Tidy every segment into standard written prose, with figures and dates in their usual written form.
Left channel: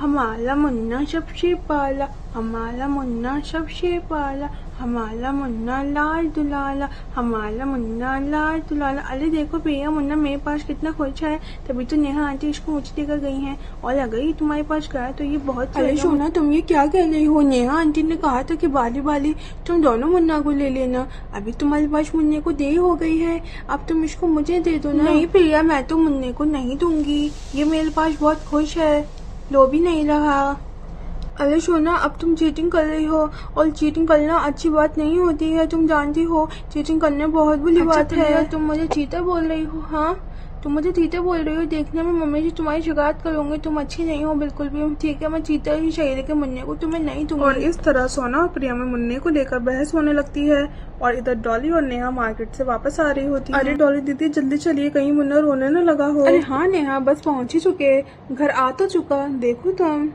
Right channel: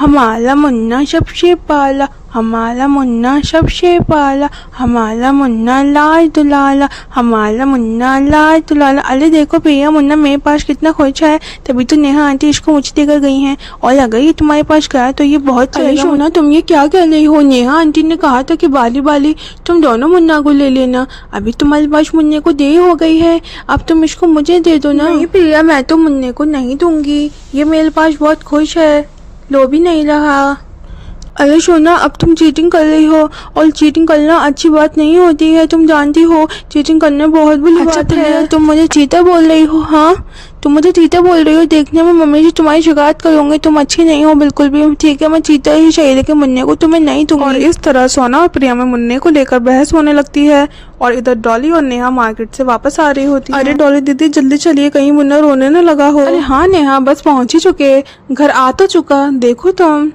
हमारा मुन्ना सबसे पाला, हमारा मुन्ना सबसे पाला, हमारा मुन्ना लाल दुलाला, हमारा मुन्ना लाल दुलाला। अरे देखो भैया, मुन्ना मेरे पास कितना खुश है, तभी तो नेहा आंटी इसको मुझे देकर गई हैं। और अगर ये तुम्हारे पास गया तो ये बहुत अरे सोना, तुम ये क्या कह रही हो? नेहा आंटी ने कहा था कि बाली बाली तुम दोनों मुन्ना को ले लेना। अभी तुम्हारे पास मुन्ने को देर हो गई है, अब तुम इसको मुझे दे दो ना। नहीं प्रिया, मैं तो मुन्ने को नहीं दूंगी, ये मेरे पास बहुत खुश है, लो भी नहीं रहा। अरे सोना, अब तुम चीटिंग कर रही हो, और चीटिंग करना अच्छी बात नहीं होती है, तुम जानती हो चीटिंग करना बहुत बुरी बात है। तुम मुझे चीता बोल रही हो? हाँ, तुम मुझे चीता बोल रही हो? देखने में मम्मी से तुम्हारी शिकायत करूंगी, तुम अच्छी नहीं हो बिल्कुल भी। ठीक है, मैं चीता ही चाहिए, लेकिन मुन्ने को तुम्हें नहीं दूंगी। और इस तरह सोना और प्रिया में मुन्ने को लेकर बहस होने लगती है। और इधर डॉली और नेहा मार्केट से वापस आ रही होती है। अरे डॉली दीदी, जल्दी चलिए, कहीं मुन्ना रोने न लगा हो। अरे हाँ नेहा, बस पहुंच ही चुके, घर आ तो चुका, देखो तुम।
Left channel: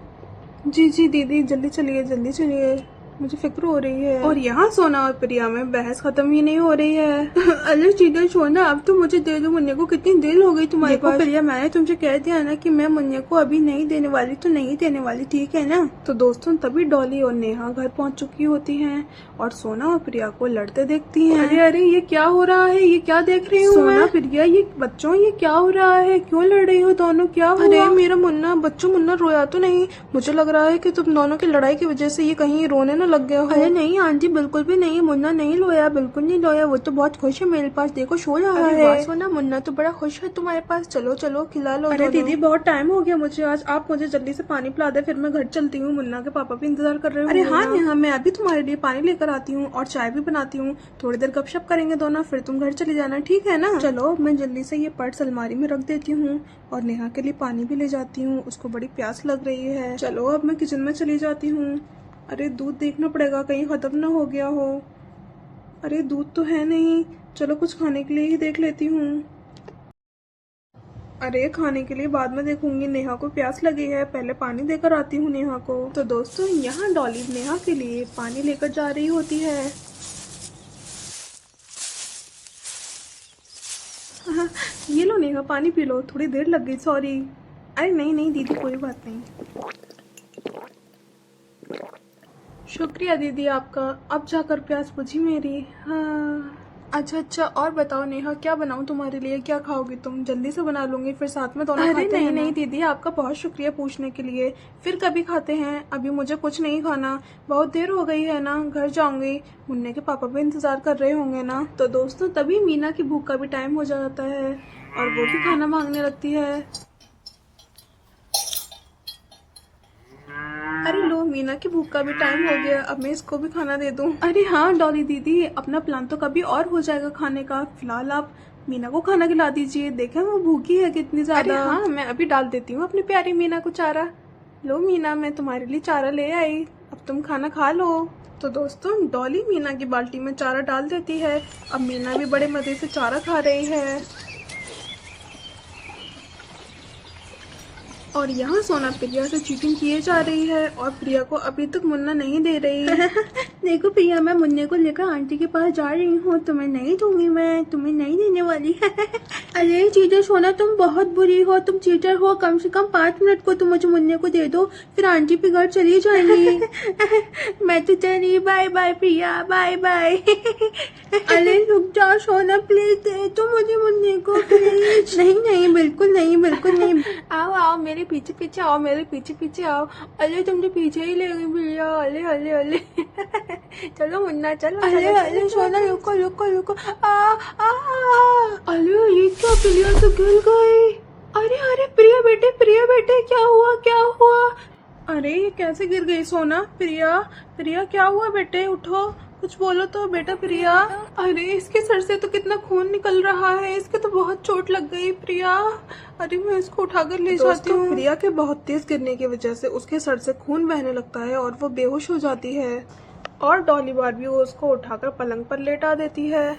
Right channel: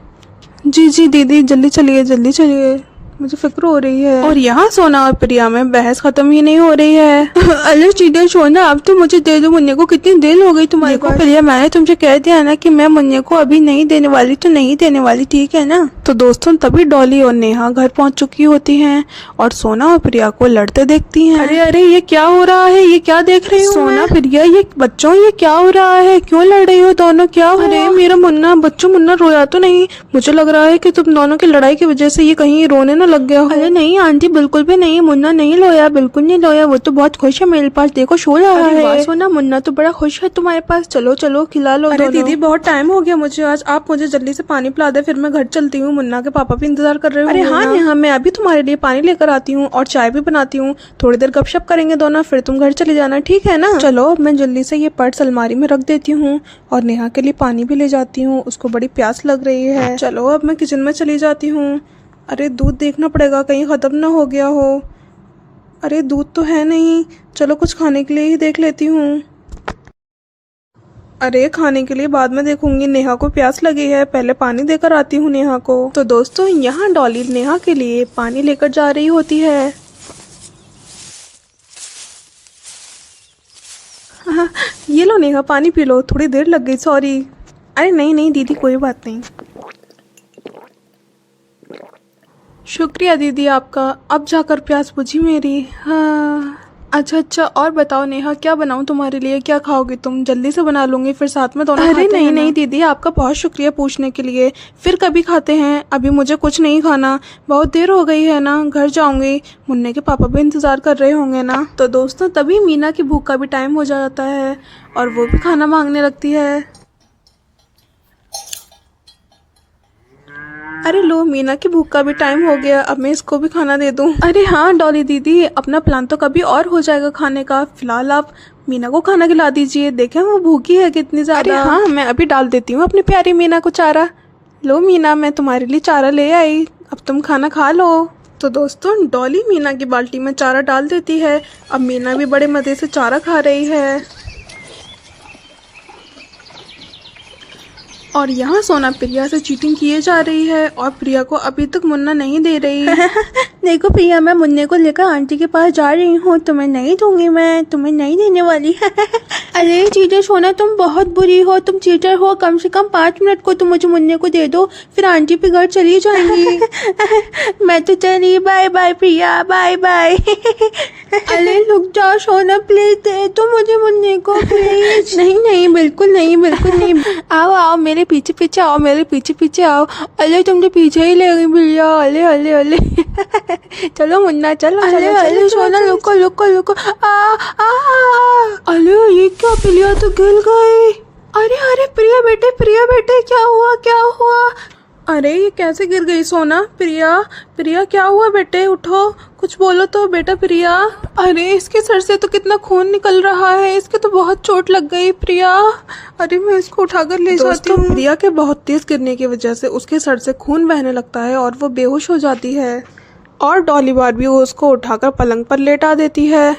जी जी दीदी, जल्दी चलिए जल्दी चलिए, मुझे फिक्र हो रही है। और यहाँ सोना और प्रिया में बहस खत्म ही नहीं हो रही है। अरे चीटर सोना, अब तो मुझे दे दो, मुन्ने को कितनी देर हो गई तुम्हारे को। प्रिया, मैंने तुमसे कह दिया ना कि मैं मुन्ने को अभी नहीं देने वाली, तो नहीं देने वाली, ठीक है ना? तो दोस्तों, तभी डॉली और नेहा घर पहुंच चुकी होती हैं और सोना और प्रिया को लड़ते देखती हैं। अरे अरे, ये क्या हो रहा है, ये क्या देख रही हूँ सोना प्रिया? ये बच्चों, ये क्या हो रहा है, क्यों लड़ रही हो दोनों, क्या हो? अरे मेरा मुन्ना, बच्चों मुन्ना रोया तो नहीं? मुझे लग रहा है कि तुम दोनों की लड़ाई की वजह से ये कहीं रोने न लग गया हो। अरे नहीं आंटी, बिल्कुल भी नहीं, मुन्ना नहीं लोया, बिल्कुल नहीं लोया, वो तो बहुत खुश है मेरे पास, देखो सो रहा है। सोना, मुन्ना तो बड़ा खुश है तुम्हारे पास, चलो चलो खिला लो। अरे दीदी, बहुत टाइम हो गया मुझे आज, आप मुझे जल्दी से पानी पिला दे, फिर मैं घर चलती हूँ, मुन्ना के पापा भी इंतजार कर रहे हो। अरे हाँ नेहा, मैं अभी तुम्हारे लिए पानी लेकर आती हूँ और चाय भी बनाती हूँ, थोड़ी देर गपशप करेंगे दोनों, फिर तुम घर चले जाना, ठीक है ना? चलो, मैं जल्दी से ये पर्स अलमारी में रख देती हूँ और नेहा के लिए पानी भी ले जाती हूँ, उसको बड़ी प्यास लग रही है। चलो, अब मैं किचन में चली जाती हूँ। अरे दूध देखना पड़ेगा, कहीं ख़त्म ना हो गया हो। अरे दूध तो है नहीं, चलो कुछ खाने के लिए ही देख लेती हूँ। अरे खाने के लिए बाद में देखूंगी, नेहा को प्यास लगी है, पहले पानी देकर आती हूँ नेहा को। तो दोस्तों, यहाँ डॉली नेहा के लिए पानी लेकर जा रही होती है। हाँ, ये लो नेहा, पानी पी लो, थोड़ी देर लग गई, सॉरी। अरे नहीं नहीं दीदी, कोई बात नहीं। शुक्रिया दीदी आपका, अब जाकर प्यास बुझी मेरी। हाँ अच्छा अच्छा, और बताओ नेहा, क्या बनाऊं तुम्हारे लिए, क्या खाओगी तुम? जल्दी से बना लूंगी, फिर साथ में दोनों खाते हैं। अरे नहीं नहीं दीदी, आपका बहुत शुक्रिया पूछने के लिए, फिर कभी खाते हैं, अभी मुझे कुछ नहीं खाना, बहुत देर हो गई है ना, घर जाऊंगी, मुन्ने के पापा भी इंतजार कर रहे होंगे ना। तो दोस्तों, तभी मीना की भूख का भी टाइम हो जाता है और वो भी खाना मांगने लगती है। अरे लो, मीना की भूख का भी टाइम हो गया, अब मैं इसको भी खाना दे दूं। अरे हाँ डॉली दीदी, अपना प्लान तो कभी और हो जाएगा खाने का, फिलहाल आप मीना को खाना खिला दीजिए, देखें वो भूखी है कितनी ज्यादा। अरे हाँ, मैं अभी डाल देती हूँ अपनी प्यारी मीना को चारा। लो मीना, मैं तुम्हारे लिए चारा ले आई, अब तुम खाना खा लो। तो दोस्तों, डॉली मीना की बाल्टी में चारा डाल देती है, अब मीना भी बड़े मज़े से चारा खा रही है। और यहाँ सोना प्रिया से चीटिंग किए जा रही है और प्रिया को अभी तक मुन्ना नहीं दे रही। देखो प्रिया, मैं मुन्ने को लेकर आंटी के पास जा रही हूँ, तुम्हें नहीं दूंगी, मैं तुम्हें नहीं देने वाली। अरे चीटर सोना, तुम बहुत बुरी हो, तुम चीटर हो, कम से कम 5 मिनट को तुम मुझे मुन्ने को दे दो, फिर आंटी पे घर चली जाएंगी। मैं तो चली, बाय बाय प्रिया, बाय बाय। अरे रुक जाओ सोना, प्लीज दे तो मुझे मुन्ने को, प्लीज। नहीं नहीं, बिल्कुल नहीं, बिल्कुल नहीं। आओ आओ, मेरे पीछे पीछे आओ, मेरे पीछे पीछे आओ। अरे तुम तो पीछे ही ले गई भैया, अले अले अले। चलो मुन्ना, चलो। अरे अरे सोना, रुको रुको रुको। अरे ये क्या, प्रिया तो गिर गई। अरे अरे प्रिया बेटे, प्रिया बेटे, क्या हुआ, क्या हुआ? अरे ये कैसे गिर गई सोना? प्रिया, प्रिया क्या हुआ बेटे, उठो, कुछ बोलो तो बेटा प्रिया। अरे इसके सर से तो कितना खून निकल रहा है, इसके तो बहुत चोट लग गई प्रिया। अरे मैं इसको उठाकर ले जाती हूँ। प्रिया के बहुत तेज गिरने की वजह से उसके सर से खून बहने लगता है और वो बेहोश हो जाती है और डॉली बार्बी उसको उठाकर पलंग पर लेटा देती है।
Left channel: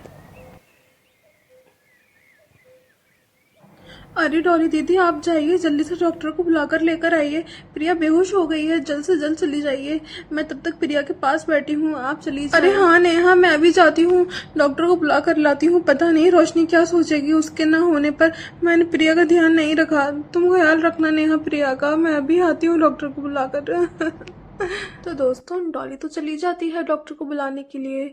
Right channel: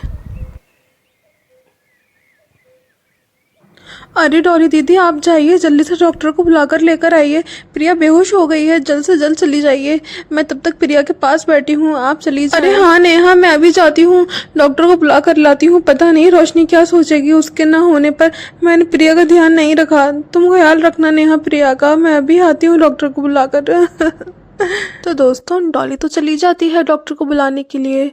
अरे डॉली दीदी, आप जाइए, जल्दी से डॉक्टर को बुलाकर लेकर आइए। प्रिया बेहोश हो गई है, जल्द से जल्द चली जाइए। मैं तब तक प्रिया के पास बैठी हूँ, आप चली जाइए। अरे हाँ नेहा, मैं अभी जाती हूँ, डॉक्टर को बुला कर लाती हूँ। पता नहीं रोशनी क्या सोचेगी उसके ना होने पर। मैंने प्रिया का ध्यान नहीं रखा। तुम ख्याल रखना नेहा प्रिया का। मैं अभी आती हूँ डॉक्टर को बुलाकर। तो दोस्तों, डॉली तो चली जाती है डॉक्टर को बुलाने के लिए।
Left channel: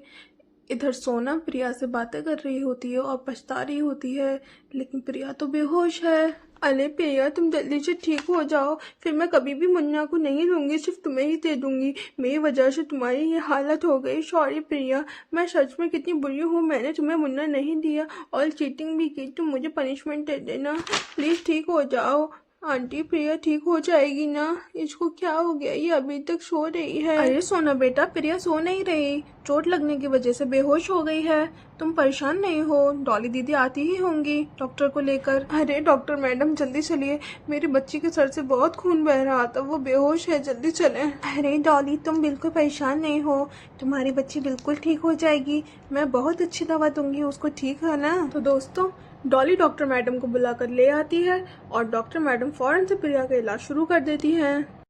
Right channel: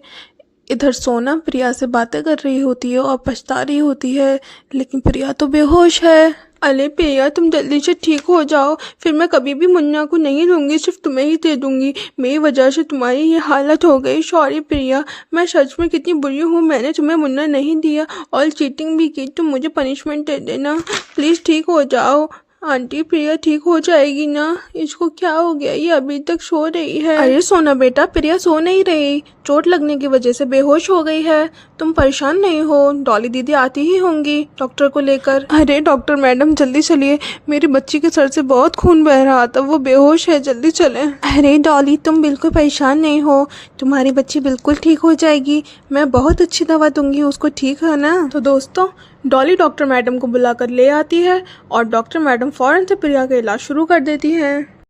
इधर सोना प्रिया से बातें कर रही होती है और पछता रही होती है, लेकिन प्रिया तो बेहोश है। अरे प्रिया, तुम जल्दी से ठीक हो जाओ, फिर मैं कभी भी मुन्ना को नहीं दूंगी, सिर्फ तुम्हें ही दे दूंगी। मेरी वजह से तुम्हारी ये हालत हो गई। सॉरी प्रिया, मैं सच में कितनी बुरी हूँ। मैंने तुम्हें मुन्ना नहीं दिया और चीटिंग भी की। तुम मुझे पनिशमेंट दे देना प्लीज़, ठीक हो जाओ। आंटी प्रिया ठीक हो जाएगी ना? इसको क्या हो गया, ये अभी तक सो रही है। अरे सोना बेटा, प्रिया सो नहीं रही, चोट लगने की वजह से बेहोश हो गई है। तुम परेशान नहीं हो, डॉली दीदी आती ही होंगी डॉक्टर को लेकर। अरे डॉक्टर मैडम जल्दी चलिए, मेरी बच्ची के सर से बहुत खून बह रहा था, वो बेहोश है, जल्दी चलें। अरे डॉली, तुम बिल्कुल परेशान नहीं हो, तुम्हारी बच्ची बिल्कुल ठीक हो जाएगी। मैं बहुत अच्छी दवा दूंगी उसको, ठीक है ना? तो दोस्तों, डॉली डॉक्टर मैडम को बुलाकर ले आती है और डॉक्टर मैडम फौरन से प्रिया का इलाज शुरू कर देती हैं।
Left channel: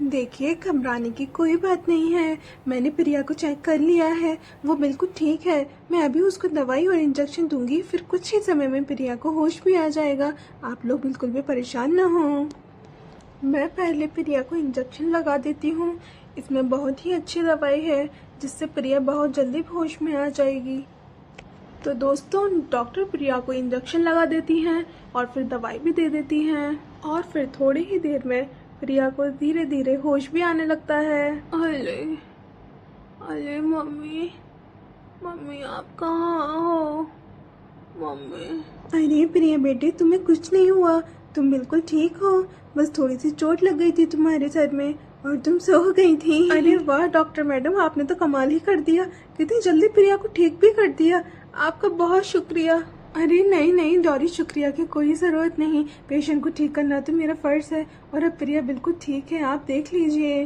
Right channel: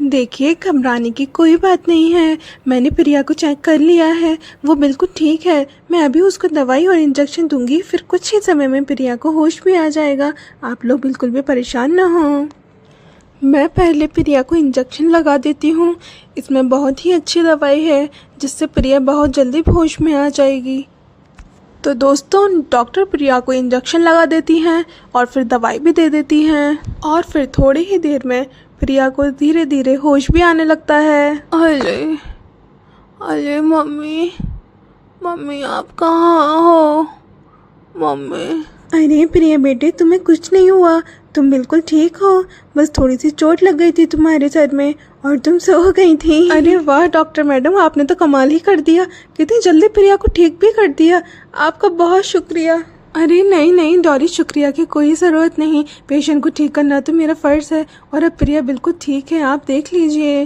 देखिए, घबराने की कोई बात नहीं है। मैंने प्रिया को चेक कर लिया है, वो बिल्कुल ठीक है। मैं अभी उसको दवाई और इंजेक्शन दूंगी, फिर कुछ ही समय में प्रिया को होश भी आ जाएगा। आप लोग बिल्कुल भी परेशान ना हो। मैं पहले प्रिया को इंजेक्शन लगा देती हूँ। इसमें बहुत ही अच्छी दवाई है, जिससे प्रिया बहुत जल्दी होश में आ जाएगी। तो दोस्तों, डॉक्टर प्रिया को इंजेक्शन लगा देती हैं और फिर दवाई भी दे देती हैं, और फिर थोड़ी ही देर में प्रिया को धीरे धीरे होश भी आने लगता है। अरे अरे मम्मी, मम्मी आप कहाँ हो? मम्मी। अरे प्रिया बेटे, तुम्हें कुछ नहीं हुआ, तुम बिल्कुल ठीक हो। बस थोड़ी सी चोट लग गई थी तुम्हारे सर में और तुम सो गई थी। अरे वाह डॉक्टर मैडम, आपने तो कमाल ही कर दिया, कितनी जल्दी प्रिया को ठीक भी कर दिया। आपका बहुत शुक्रिया। अरे नहीं नहीं डॉली, शुक्रिया की कोई ज़रूरत नहीं। पेशेंट को ठीक करना तो मेरा फ़र्ज़ है, और अब प्रिया बिल्कुल ठीक है, आप देख लीजिए।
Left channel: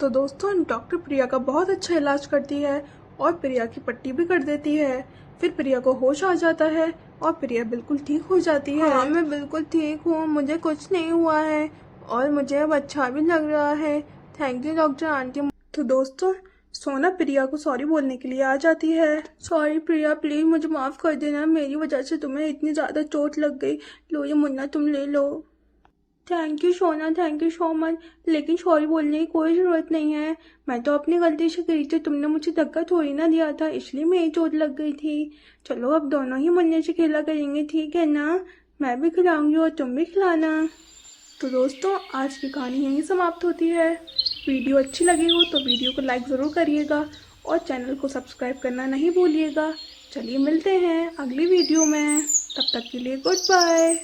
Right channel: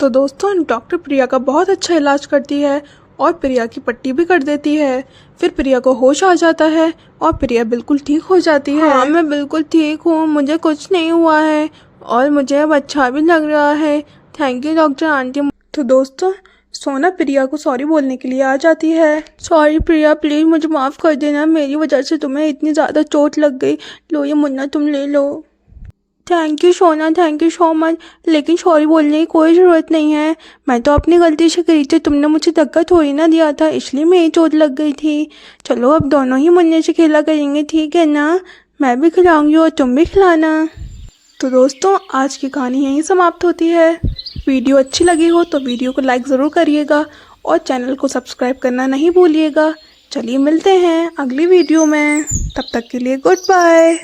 तो दोस्तों, डॉक्टर प्रिया का बहुत अच्छा इलाज करती है और प्रिया की पट्टी भी कर देती है। फिर प्रिया को होश आ जाता है और प्रिया बिल्कुल ठीक हो जाती है। हाँ, मैं बिल्कुल ठीक हूँ, मुझे कुछ नहीं हुआ है और मुझे अब अच्छा भी लग रहा है। Thank you doctor aunty. तो दोस्तों, सोना प्रिया को सॉरी बोलने के लिए आ जाती है। सॉरी प्रिया, प्लीज़ मुझे माफ़ कर देना, मेरी वजह से तुम्हें इतनी ज़्यादा चोट लग गई। लो ये मुन्ना तुम ले लो। थैंक यू सोना, थैंक यू सो मच, लेकिन सॉरी बोलने की कोई ज़रूरत नहीं है। मैं तो अपनी गलती से करी थी, तुमने मुझे धक्का थोड़ी ना दिया था, इसलिए मेरी चोट लग गई थी। चलो अब दोनों ही मुन्ने से खेला करेंगे, ठीक है ना? मैं भी खिलाऊंगी और तुम भी खिलाना। तो दोस्तों, आज की कहानी यहीं समाप्त होती है। वीडियो अच्छी लगी हो तो वीडियो को लाइक ज़रूर करिएगा और चैनल को सब्सक्राइब करना नहीं भूलिएगा। चलिए मिलते हैं अगली वीडियो में, तब तक के लिए गुड बाय।